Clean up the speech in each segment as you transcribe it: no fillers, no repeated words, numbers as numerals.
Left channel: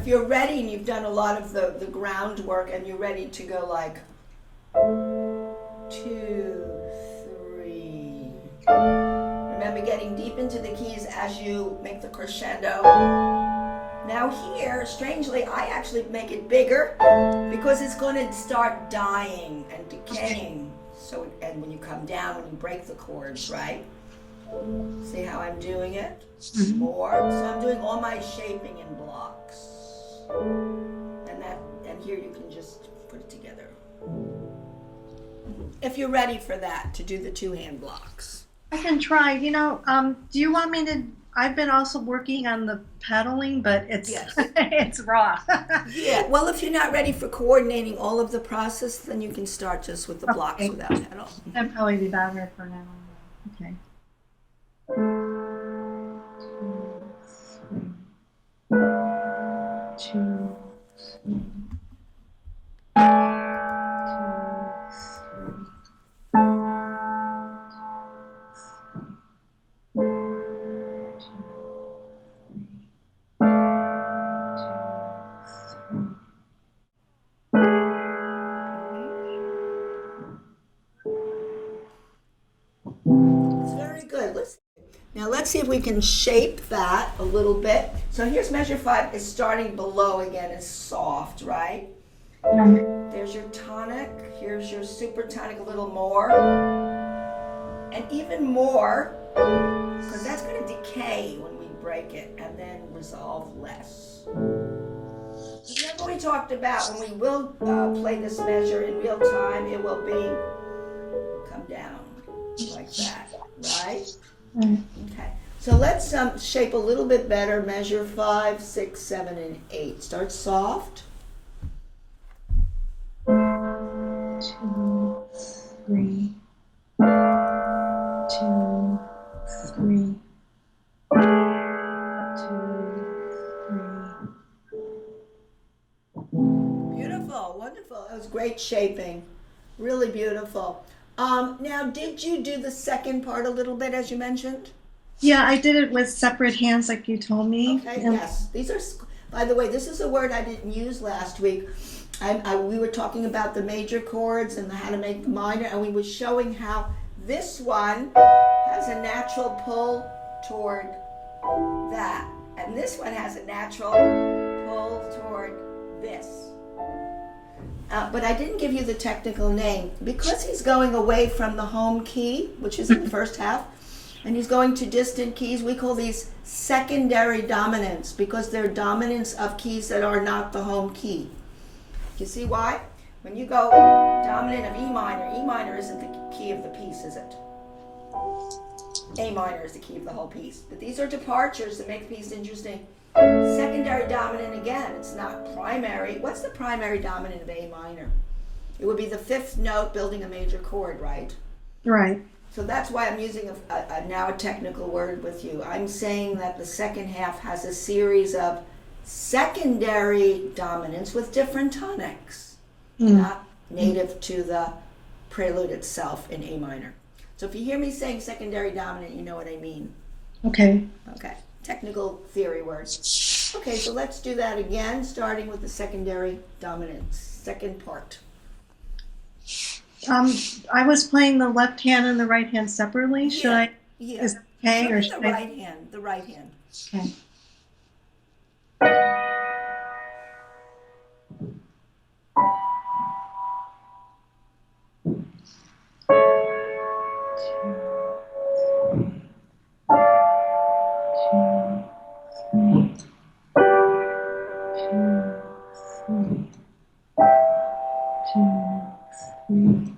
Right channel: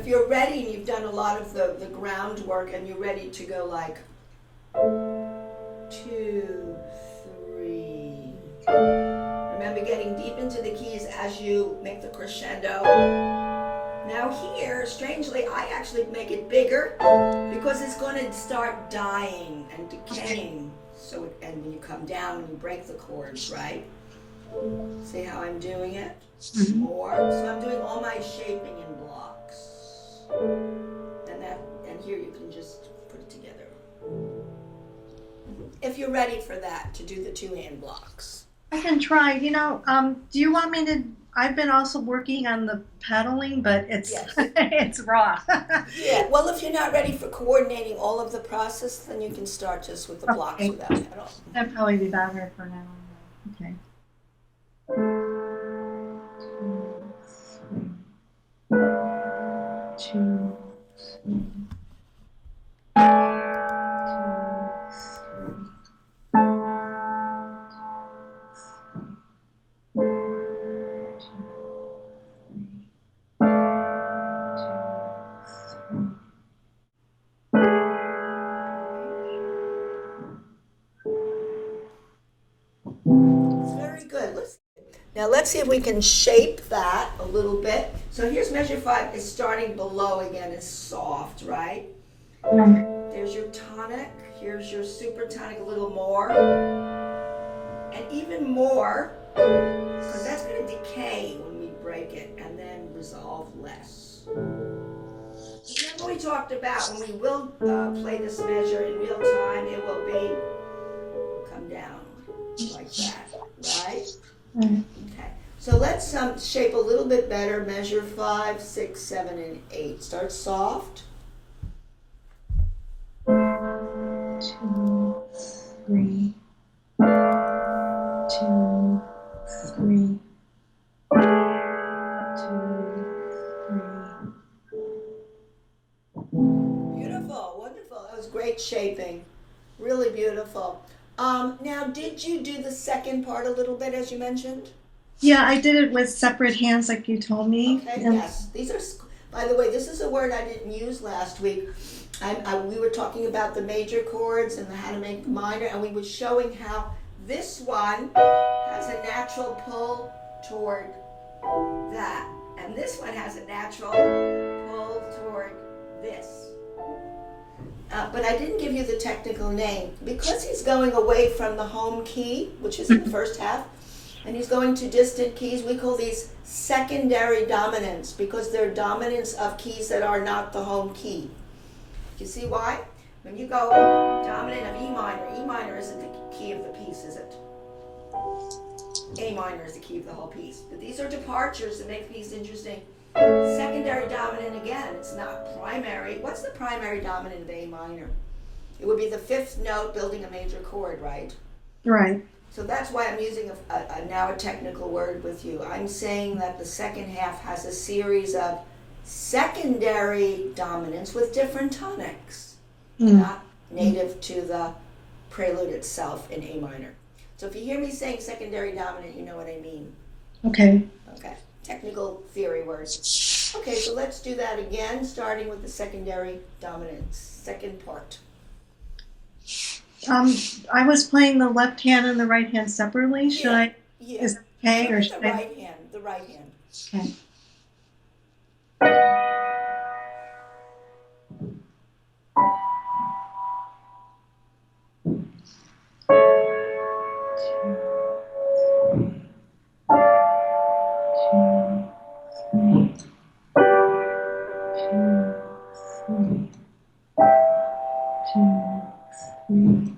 if you're ready and you've done a lot of the groundwork and you're ready to go like 2, 3. Remember getting deep into the keys as you make the crescendo. Now here, strangely, I actually make it bigger because it's going to start dying and decaying. So, and when you come down, when you break the chords, right? See how I'm doing it? More. So I'm doing all my shaping in blocks. And here you can just put it together. If you're ready for that, to do the 2-hand blocks. I can try. Do you want me to? I've been also working on the pedaling, but it's Yes. it's raw. Yeah. Well, if you're not ready for coordinating all of the process, then you can start just with the blocks without pedal. That'd probably be better for now. Okay. 2, 3. Now let's see if we can shape that a little bit. So here's measure 5 is starting below again. It's soft, right? There's your tonic. Here's your super tonic a little more. And even more, because that's going to decay when we break it and then resolve less. Remember we talked about when we will play this measure in real time, it will be come down like that, right? Okay, so let's shape a little bit better. Measure 5, 6, 7, and 8. Start soft. 2, 3. 2, 3. 2, 3. Beautiful, wonderful. That was great shaping. Really beautiful. Now, did you do the second part a little bit, as you mentioned? Yeah, I did it with separate hands, like you told me. Okay, yes. These are, by the way, this is a word I didn't use last week. We were talking about the major chords and how to make the minor, and we were showing how this one has a natural pull toward that, and this one has a natural pull toward this. But I didn't give you the technical name. Because he's going away from the home key, which is in the first half, and he's going to distant keys, we call these secondary dominants because they're dominants of keys that are not the home key. You see why? When you go dominant of E minor isn't the key of the piece, is it? A minor is the key of the whole piece. But these are departures that make the piece interesting. Secondary dominant, again, it's not primary. What's the primary dominant of A minor? It would be the 5th note building a major chord, right? Right. So that's why I'm using now a technical word with you. I'm saying that the second half has a series of secondary dominants with different tonics, not native to the prelude itself in A minor. So if you hear me saying secondary dominant, you know what I mean. Okay. Okay. Technical theory words. Okay, so let's do that again, starting with the secondary dominant, second part. I was playing the left hand and the right hand separately. Should I? Yeah. Is it okay, or The should I? right hand. The right hand. Okay. 2, 3.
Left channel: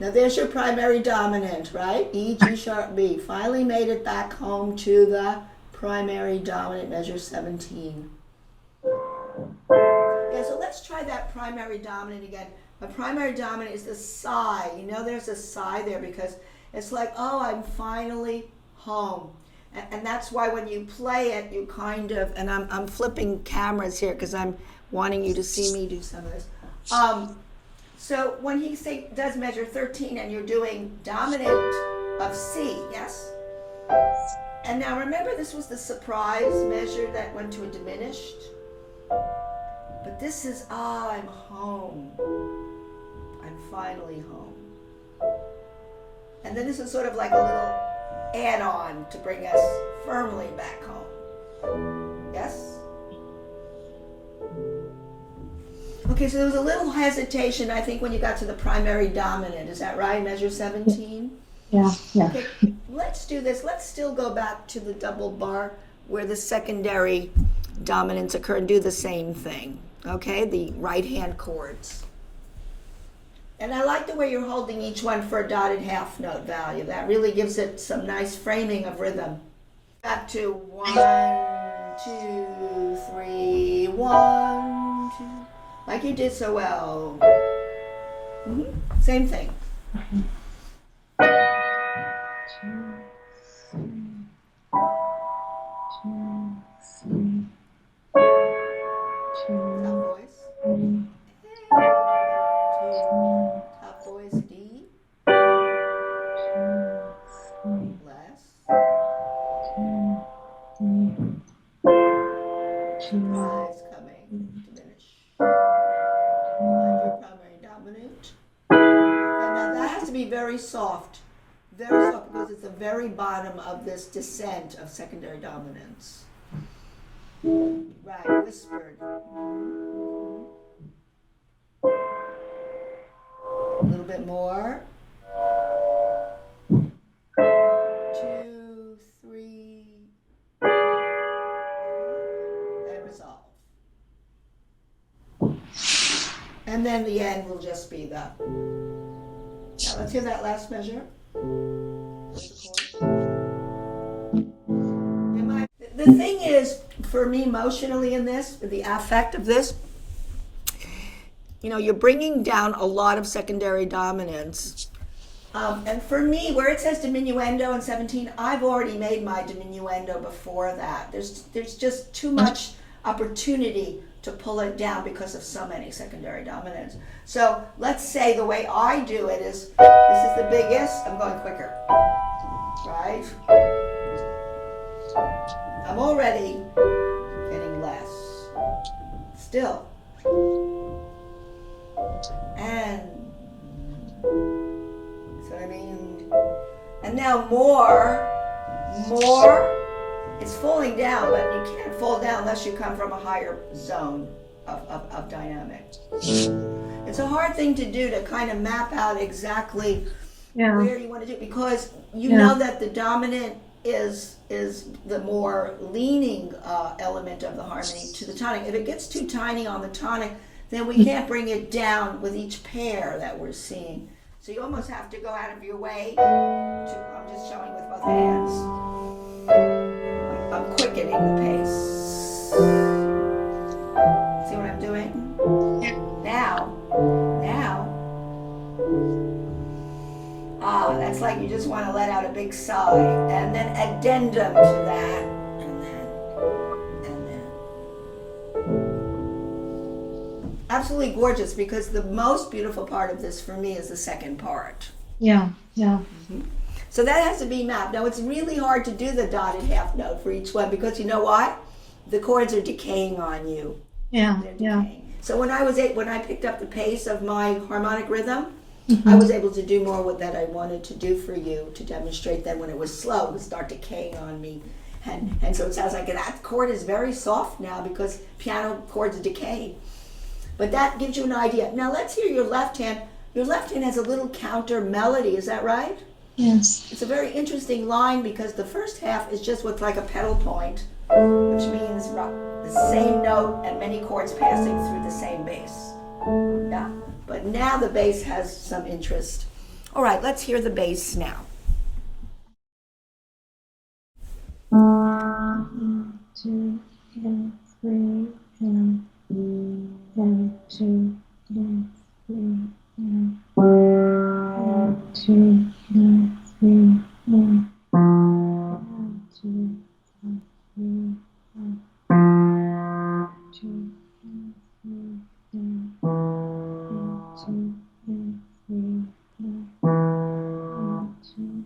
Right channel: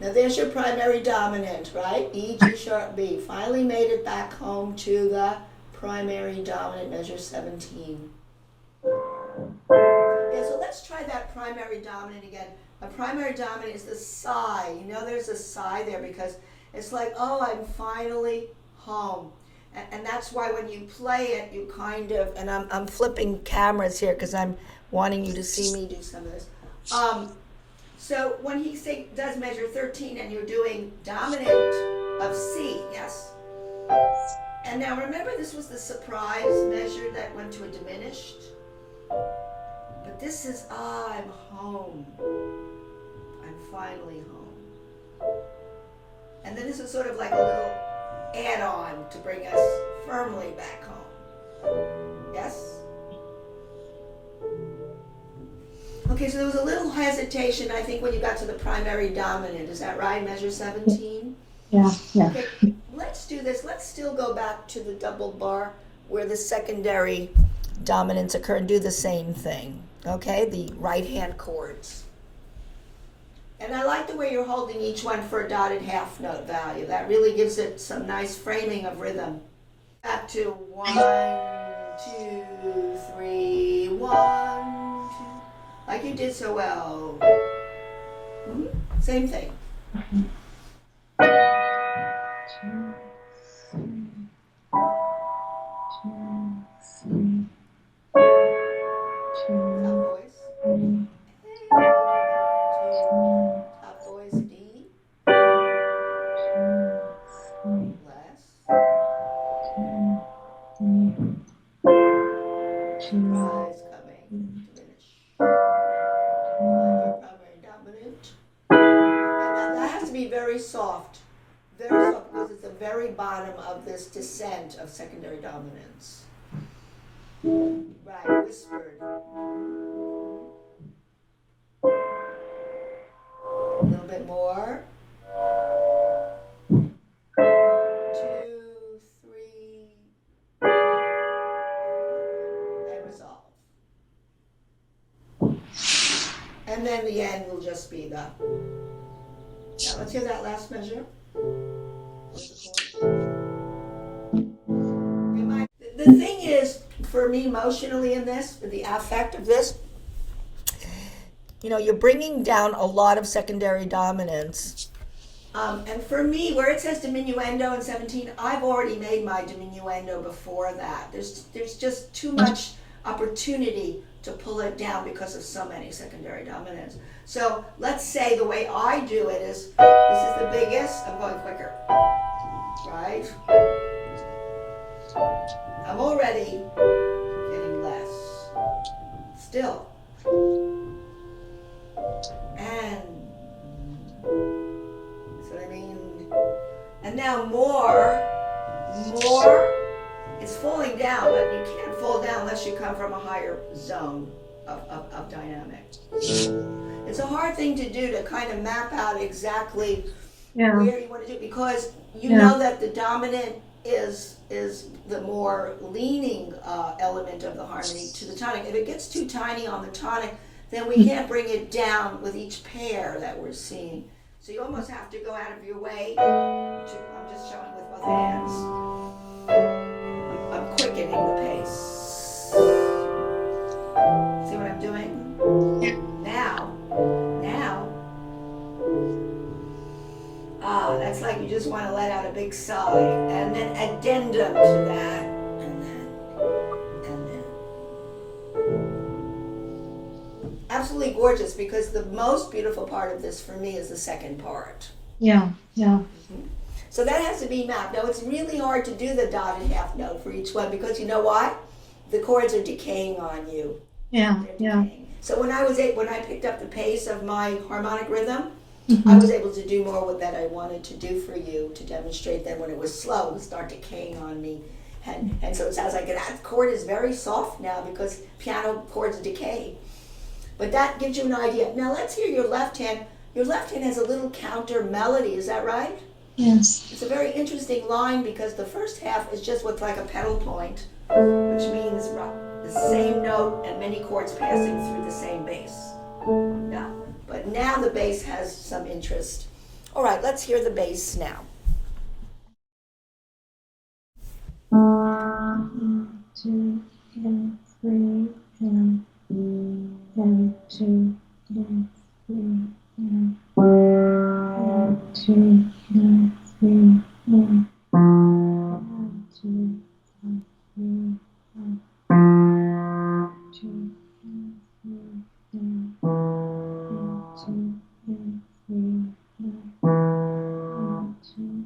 Now there's your primary dominant, right? E, G sharp, B. Finally made it back home to the primary dominant, measure 17. Yeah, so let's try that primary dominant again. A primary dominant is the sigh. You know there's a sigh there because it's like, oh, I'm finally home. And that's why when you play it, you kind of, and I'm flipping cameras here because I'm wanting you to see me do some of this. So when he does measure 13 and you're doing dominant of C, yes? And now remember, this was the surprise measure that went to a diminished. But this is, I'm home. I'm finally home. And then this is sort of like a little add-on to bring us firmly back home. Yes? Okay, so there was a little hesitation, I think, when you got to the primary dominant. Is that right? Measure 17? Yeah, yeah. Okay, let's do this. Let's still go back to the double bar where the secondary dominants occur and do the same thing. Okay, the right-hand chords. And I like the way you're holding each one for a dotted half note value. That really gives it some nice framing of rhythm. Back to 1, 2, 3, 1, 2. Like you did so well. Same thing. Top voice. Top voice D. Less. Rise coming. Diminish. Primary dominant. And that has to be very soft. Very soft because it's the very bottom of this descent of secondary dominance. Right, whispered. A little bit more. 2, 3. And resolve. And then the end will just be the. Now let's hear that last measure. The thing is, for me, emotionally in this, the affect of this, you know, you're bringing down a lot of secondary dominance. And for me, where it says diminuendo in 17, I've already made my diminuendo before that. There's just too much opportunity to pull it down because of so many secondary dominants. So let's say the way I do it is, this is the biggest, I'm going quicker, right? I'm already getting less. Still. And, that's what I mean. And now more, it's falling down, but you can't fall down unless you come from a higher zone of dynamic. It's a hard thing to do, to kind of map out exactly where you want to do it, because you know that the dominant is the more leaning element of the harmony to the tonic. If it gets too tiny on the tonic, then we can't bring it down with each pair that we're seeing. So you almost have to go out of your way to, I'm just showing with both hands. I'm quickening the pace. See what I'm doing? Now. That's like you just want to let out a big sigh, and then addendum to that, and then. Absolutely gorgeous, because the most beautiful part of this for me is the second part. Yeah. Mm-hmm. So that has to be mapped. Now it's really hard to do the dotted half note for each one, because you know what? The chords are decaying on you. Yeah. So when I picked up the pace of my harmonic rhythm, I was able to do more with that I wanted to do for you to demonstrate. Then when it was slow, it would start decaying on me. And so it sounds like that chord is very soft now because piano chords decay. But that gives you an idea. Now let's hear your left hand. Your left hand has a little counter melody, is that right? Yes. It's a very interesting line because the first half is just with like a pedal point, which means the same note and many chords passing through the same bass. Yeah. But now the bass has some interest. All right, let's hear the bass now. 1, 2, 3, 1, 2, 3, 1, 2, 3, 1, 2, 3, 2, 3, 2, 3, 2,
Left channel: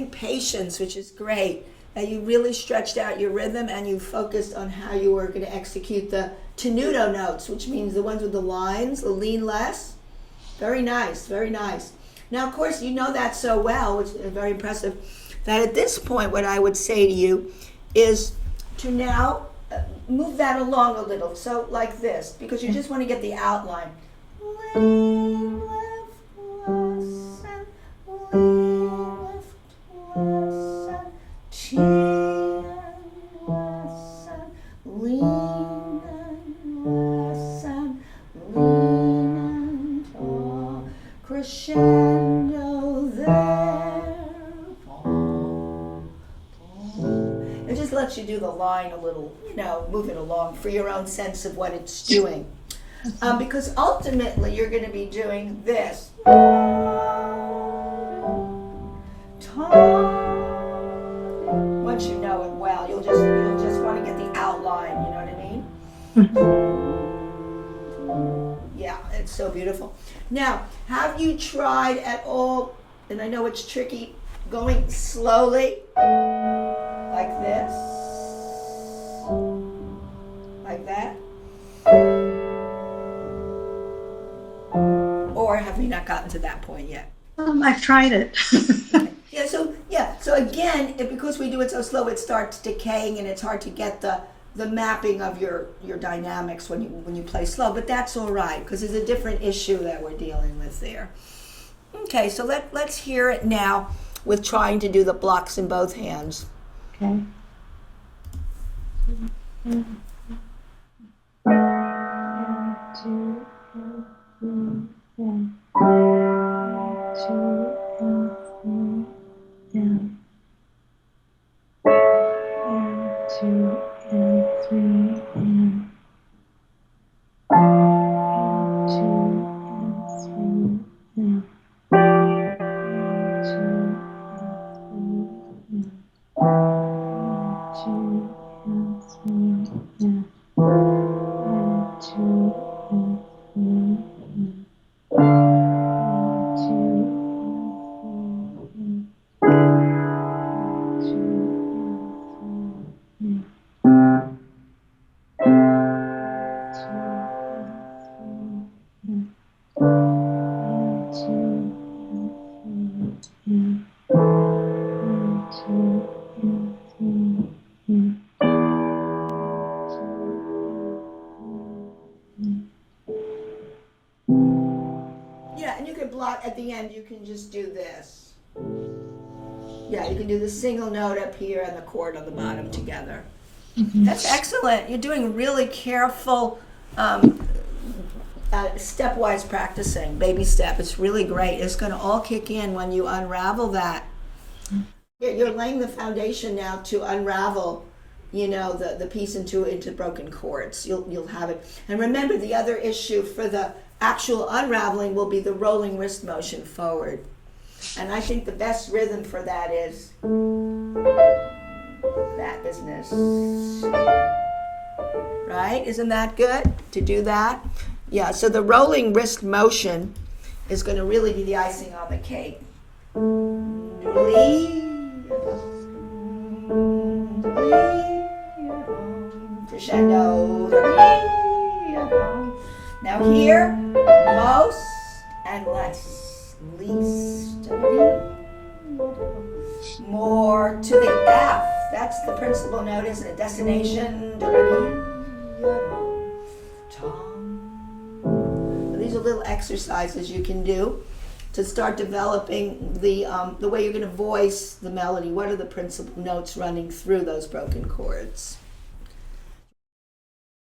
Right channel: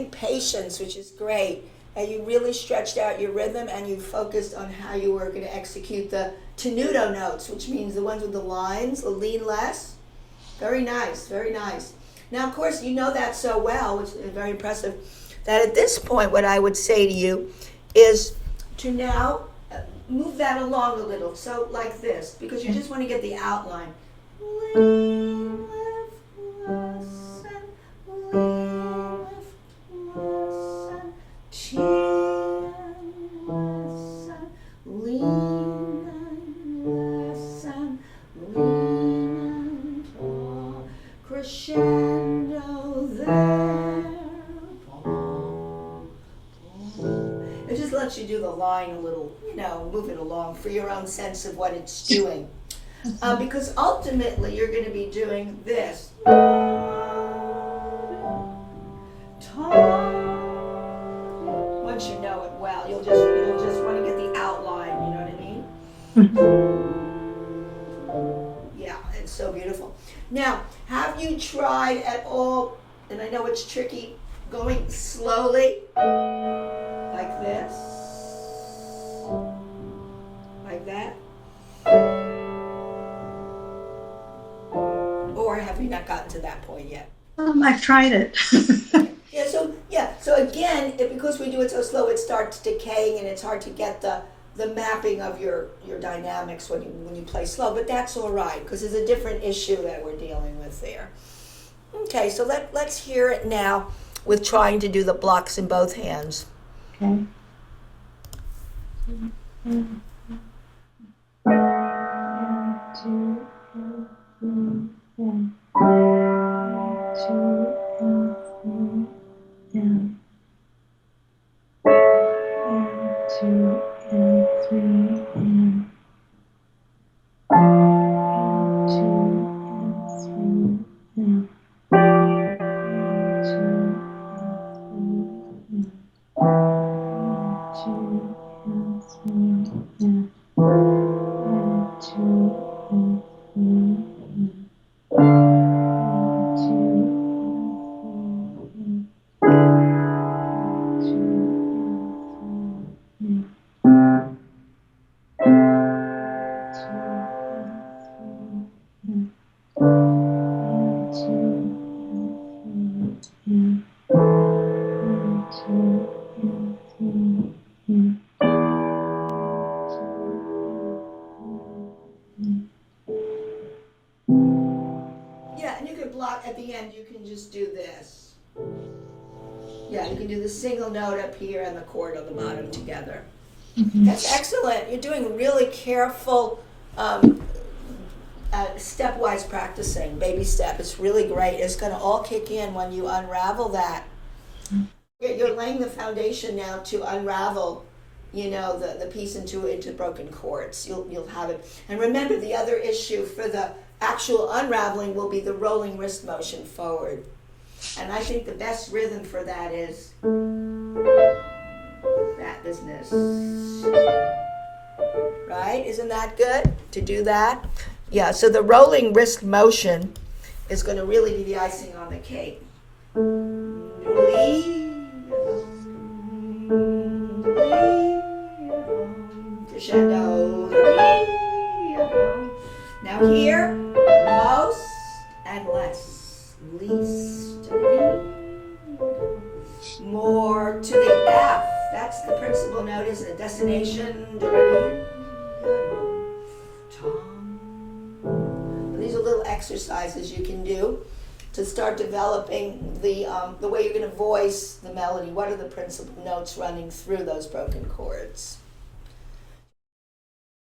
practicing patience, which is great. And you really stretched out your rhythm and you focused on how you were going to execute the tenuto notes, which means the ones with the lines, the lean less. Very nice, very nice. Now, of course, you know that so well, which is very impressive, that at this point, what I would say to you is to now move that along a little. So like this, because you just want to get the outline. Crescendo there. It just lets you do the line a little, move it along for your own sense of what it's doing. Because ultimately you're going to be doing this. Once you know it well, you'll just want to get the outline, you know what I mean? Yeah, it's so beautiful. Now, have you tried at all, and I know it's tricky, going slowly, like this, like that? Or have you not gotten to that point yet? I've tried it. So again, because we do it so slow, it starts decaying and it's hard to get the mapping of your dynamics when you play slow, but that's all right because there's a different issue that we're dealing with there. Okay, so let's hear it now with trying to do the blocks in both hands. Okay. And two, and three, and two, and three, down. And two, and three, and two, and three, down. And two, and three, down. And two, and three, down. And two, and three, down. And two, Yeah, and you can block at the end, you can just do this. Yeah, you can do the single note up here and the chord on the bottom together. That's excellent. You're doing really careful, stepwise practicing, baby step. It's really great. It's going to all kick in when you unravel that. You're laying the foundation now to unravel, the piece into broken chords. You'll have it. And remember, the other issue for the actual unraveling will be the rolling wrist motion forward. And I think the best rhythm for that is that business. Right? Isn't that good to do that? Yeah, so the rolling wrist motion is going to really be the icing on the cake. Crescendo. Now here, most and less, least, more to the F. That's the principal note, isn't it? Destination. These are little exercises you can do to start developing the way you're going to voice the melody. What are the principal notes running through those broken chords?